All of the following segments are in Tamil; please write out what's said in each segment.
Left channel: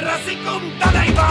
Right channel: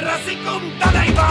ரசிக்கும் தலைவா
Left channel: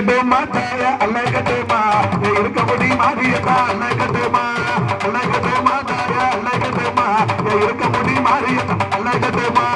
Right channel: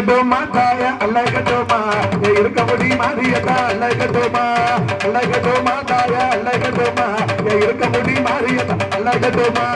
அழகட்டோமா தாய அழகட்டோமா இருக்கபடி மாறியதா அழகட்டோமா அழகட்டோமா தாய அழகட்டோமா இருக்கபடி மாறியதா அழகட்டோமா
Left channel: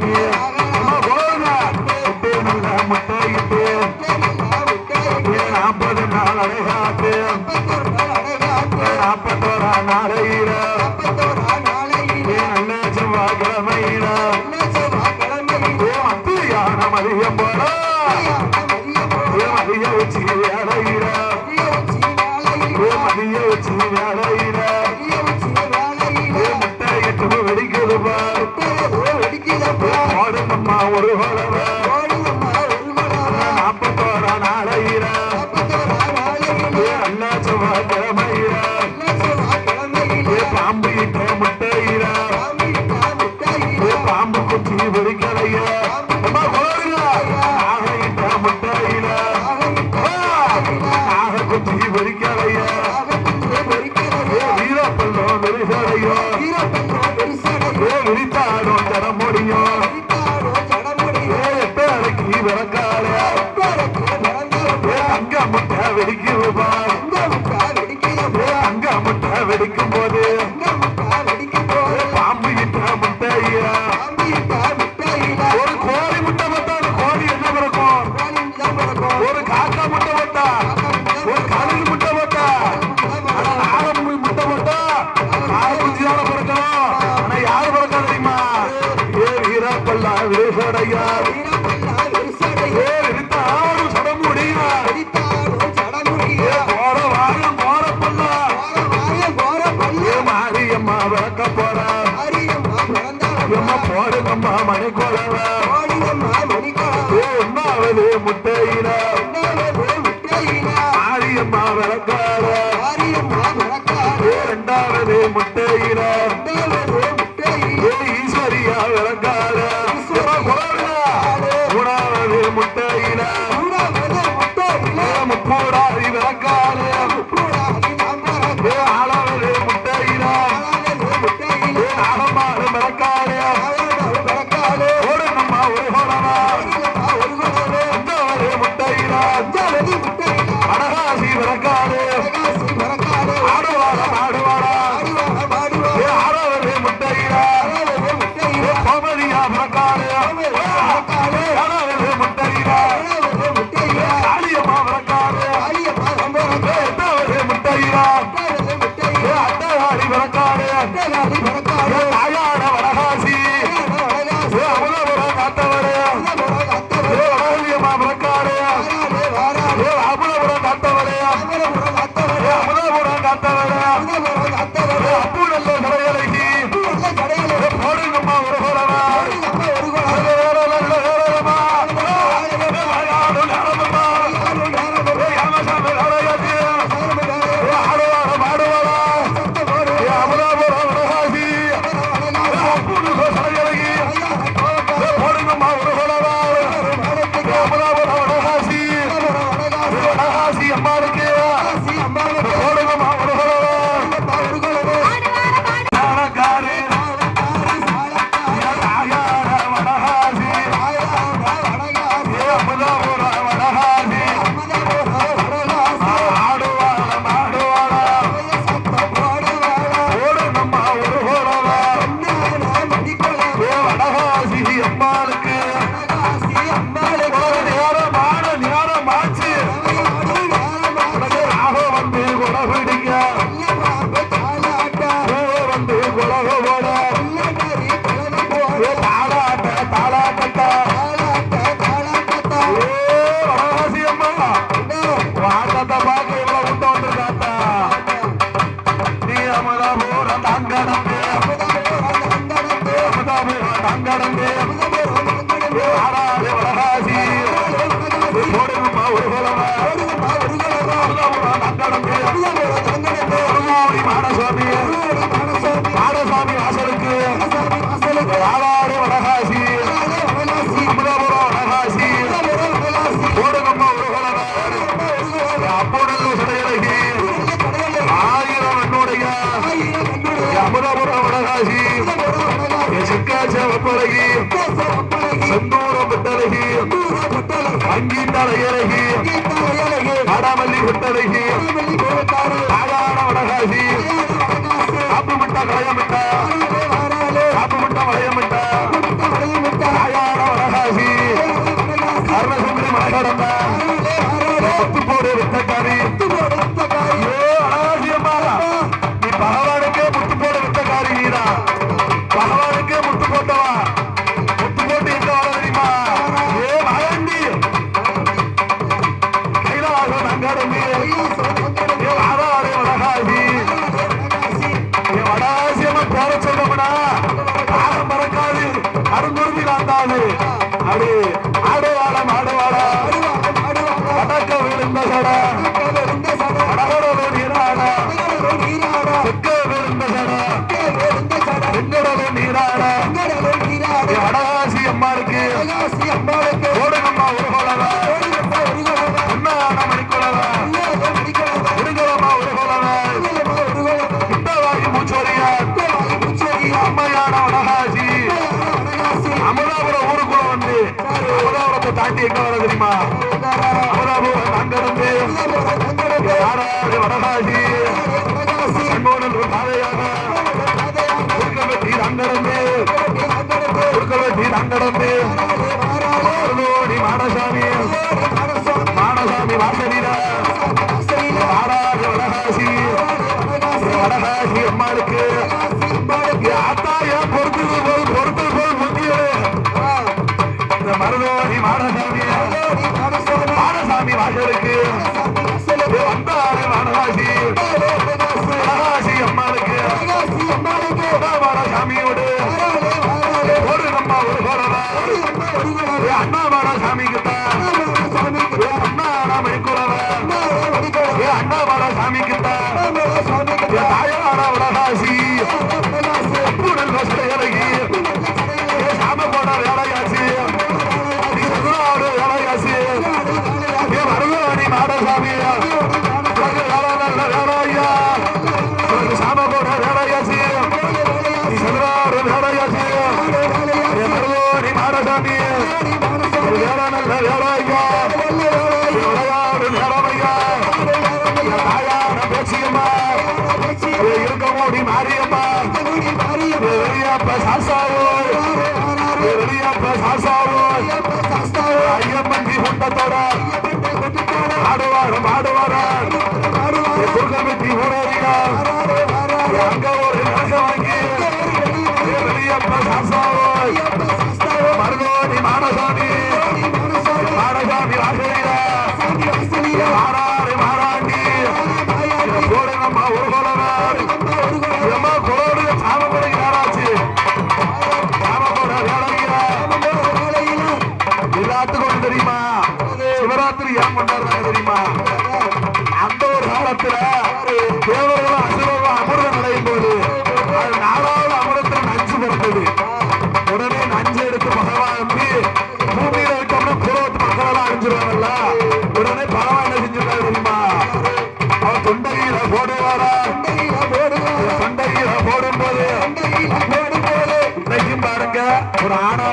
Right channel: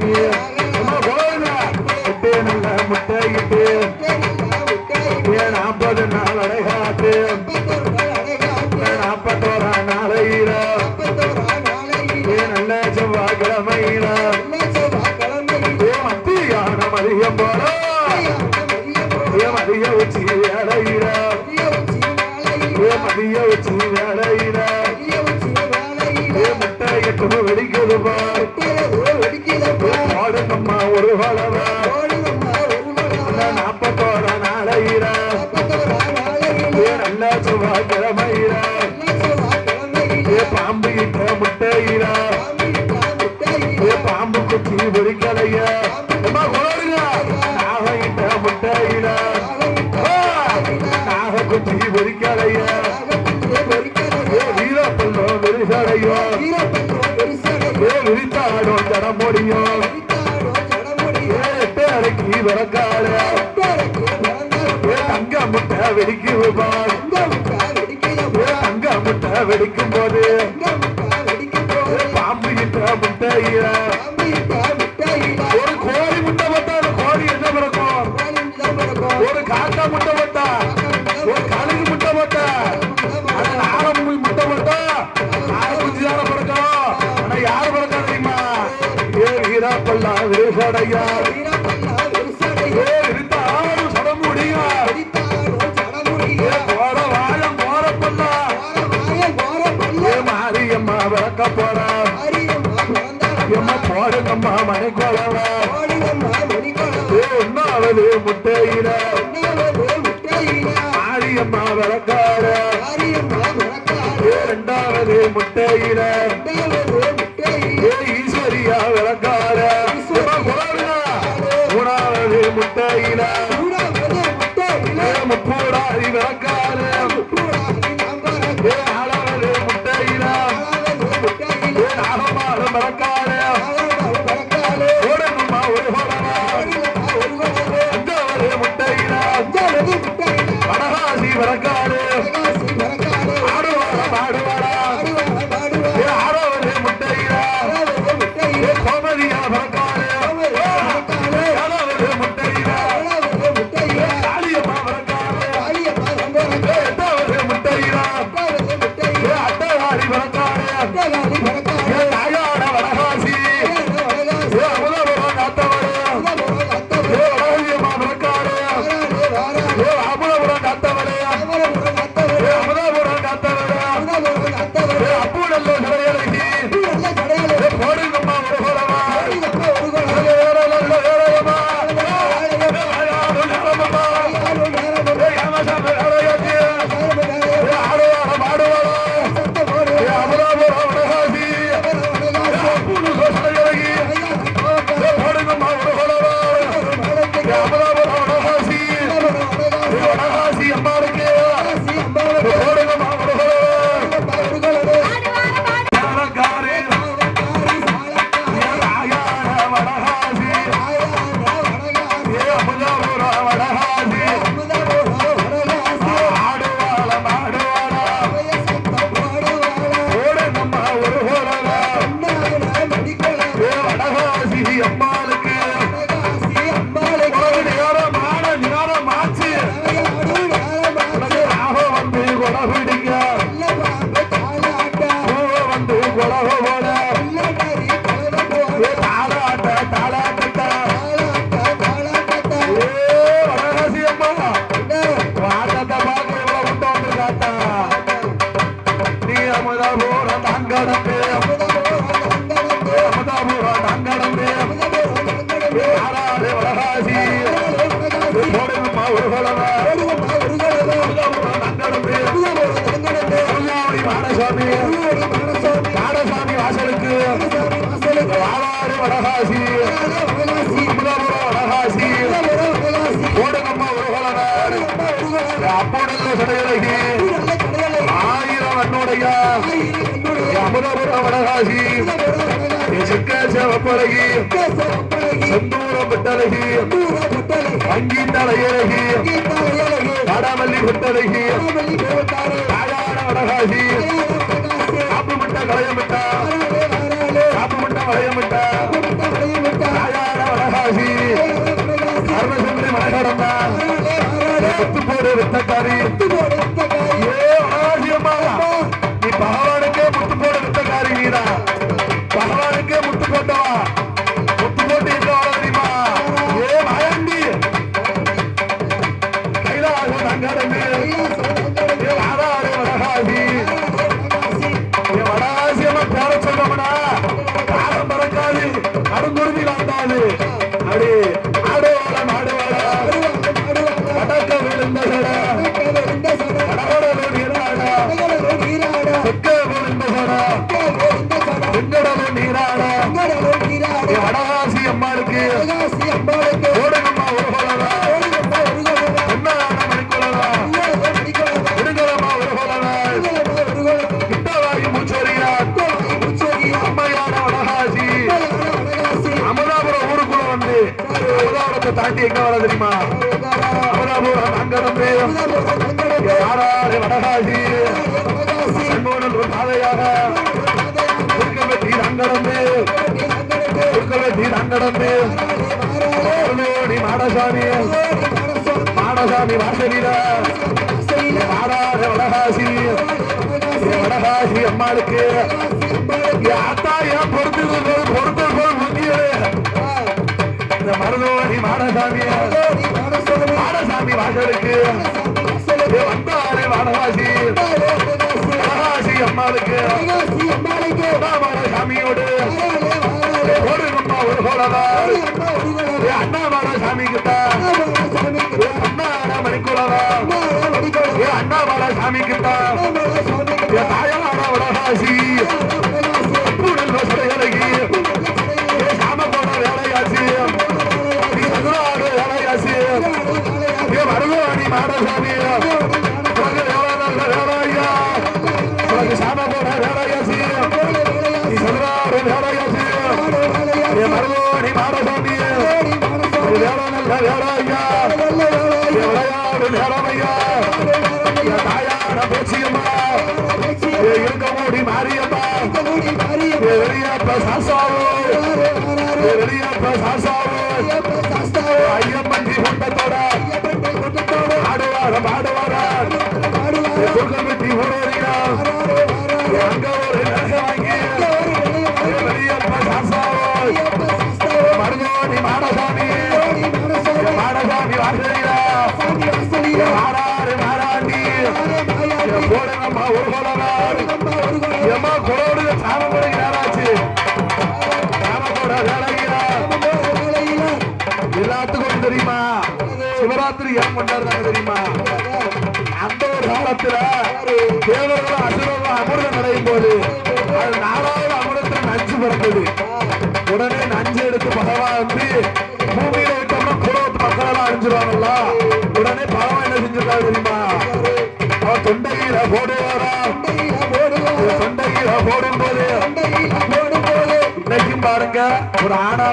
Yeah. வரக்காரு அங்க முட்டை வெடிக்குமா அங்க முட்டை வெடிக்கும் போது cuerpo. அங்கி தலையழகி கடமல்லி குட்டழகி ஆடான வரகாசி காப்பு முட்டா கலையமிட்டா காப்பு முட்டா வளையமிட்டா ஆடான வரகாசி அரசமலை மலகரம்னா பத்து பேர் வெட்டக்காரி பொருந்தி வாழ்ந்தாது அடி நடந்தவர் வீராங்கடமே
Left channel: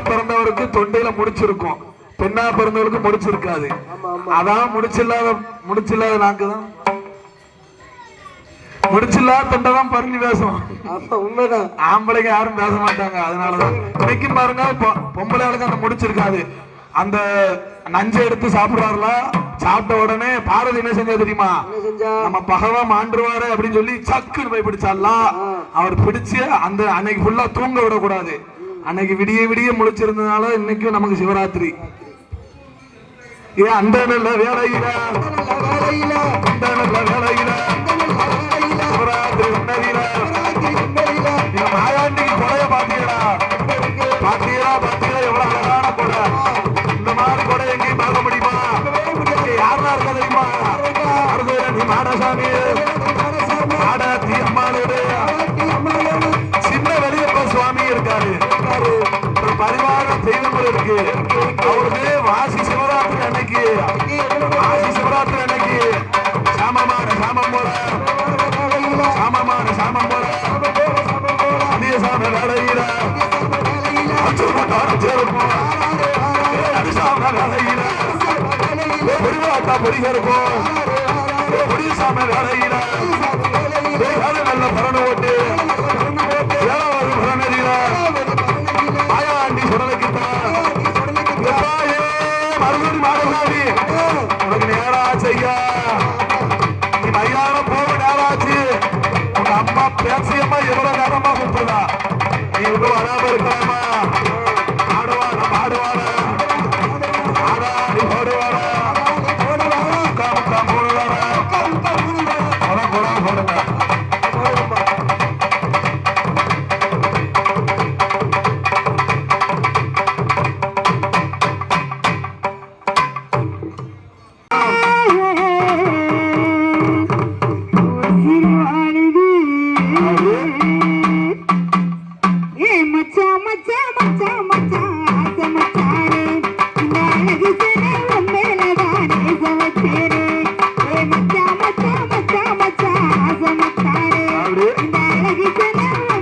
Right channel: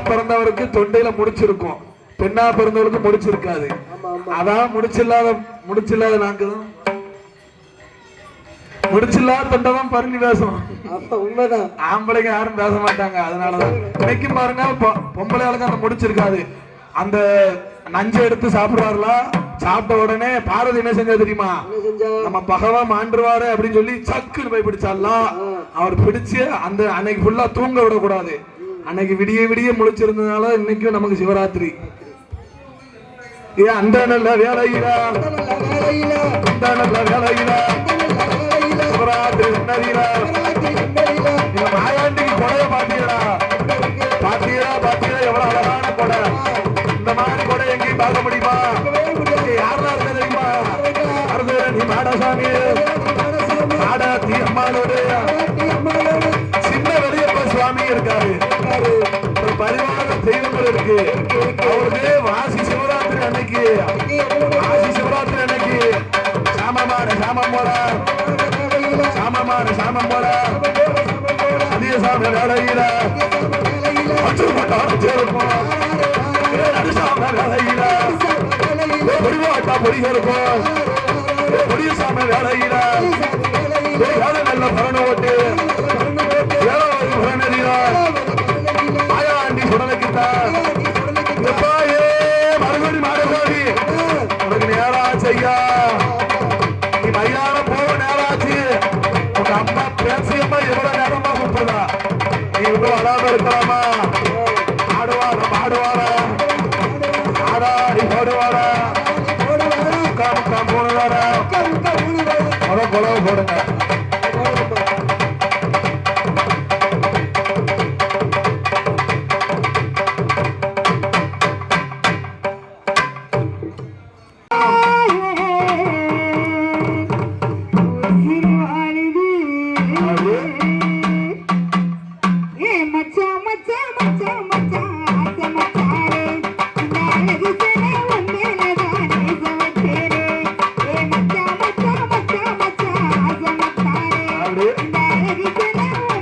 பிறந்தவருக்கு தொண்டையில முடிச்சிருக்கும். பெண்ணா பிறந்தவருக்கு முடிச்சிருக்காது. அதான் முடிச்சில்லாத முடிச்சில்லாத நாக்கு தான் முடிச்சில்லாத தொண்டை தான் பறிஞ்சு பேசும் உண்மைதான். ஆம்பளைங்க யாரும் பேச மாட்டாங்க அதனாலதான். இன்னைக்கும் பாருங்க பொம்பளை ஆளுங்க அந்த முடிச்சிருக்காது. அந்த நஞ்சை எடுத்து சாப்பிடுறாருல சாப்பிட்ட உடனே பாரதி என்ன செஞ்சா தெரியுமா? நம்ம பகவான் மாண்டுருவாரு அப்படின்னு சொல்லி சக்குன்னு போய் பிடிச்சாலாம் அவர் பிடிச்சு அந்த அன்னைக்கு ஃபுல்லா தூங்க விடக்கூடாது. அன்னைக்கு விடிய விடிய முழிச்சிருந்ததுனால இன்னைக்கும் நமக்கு சிவராத்திரி. ஏன் அந்த நல்ல வேலையில அந்த நல்ல வேலையில சிவராத்திரி உன்னதியில மாயாண்டிக்கு பாத்தீங்களா பாத்தீங்களா பாத்தீங்களா எவ்வளவு அழகான கொடை. இந்த மாதிரி கொடை எங்கேயும் பார்க்க முடியுமா? யாரெல்லாம் இருக்கா தெரியுமா? மாடசாமி. பரிவார தெய்வங்கள் இருக்கு அவருக்கு வாசி சிவராத்திரி அன்னைக்கு வாசி சிவராத்திரி அன்னைக்கு சாமமான சாமம் போல சாமமான சாமம் போல அதிக சாம வேலையில. அச்சூர் மட்டாரம் சேருக்கும். அடிசாம வேலையில. பொடிவாட்டா பொடி இருக்கும் பொடிய வேலையில. பேசியம்மா எவ்வளவு ಹರಿದನ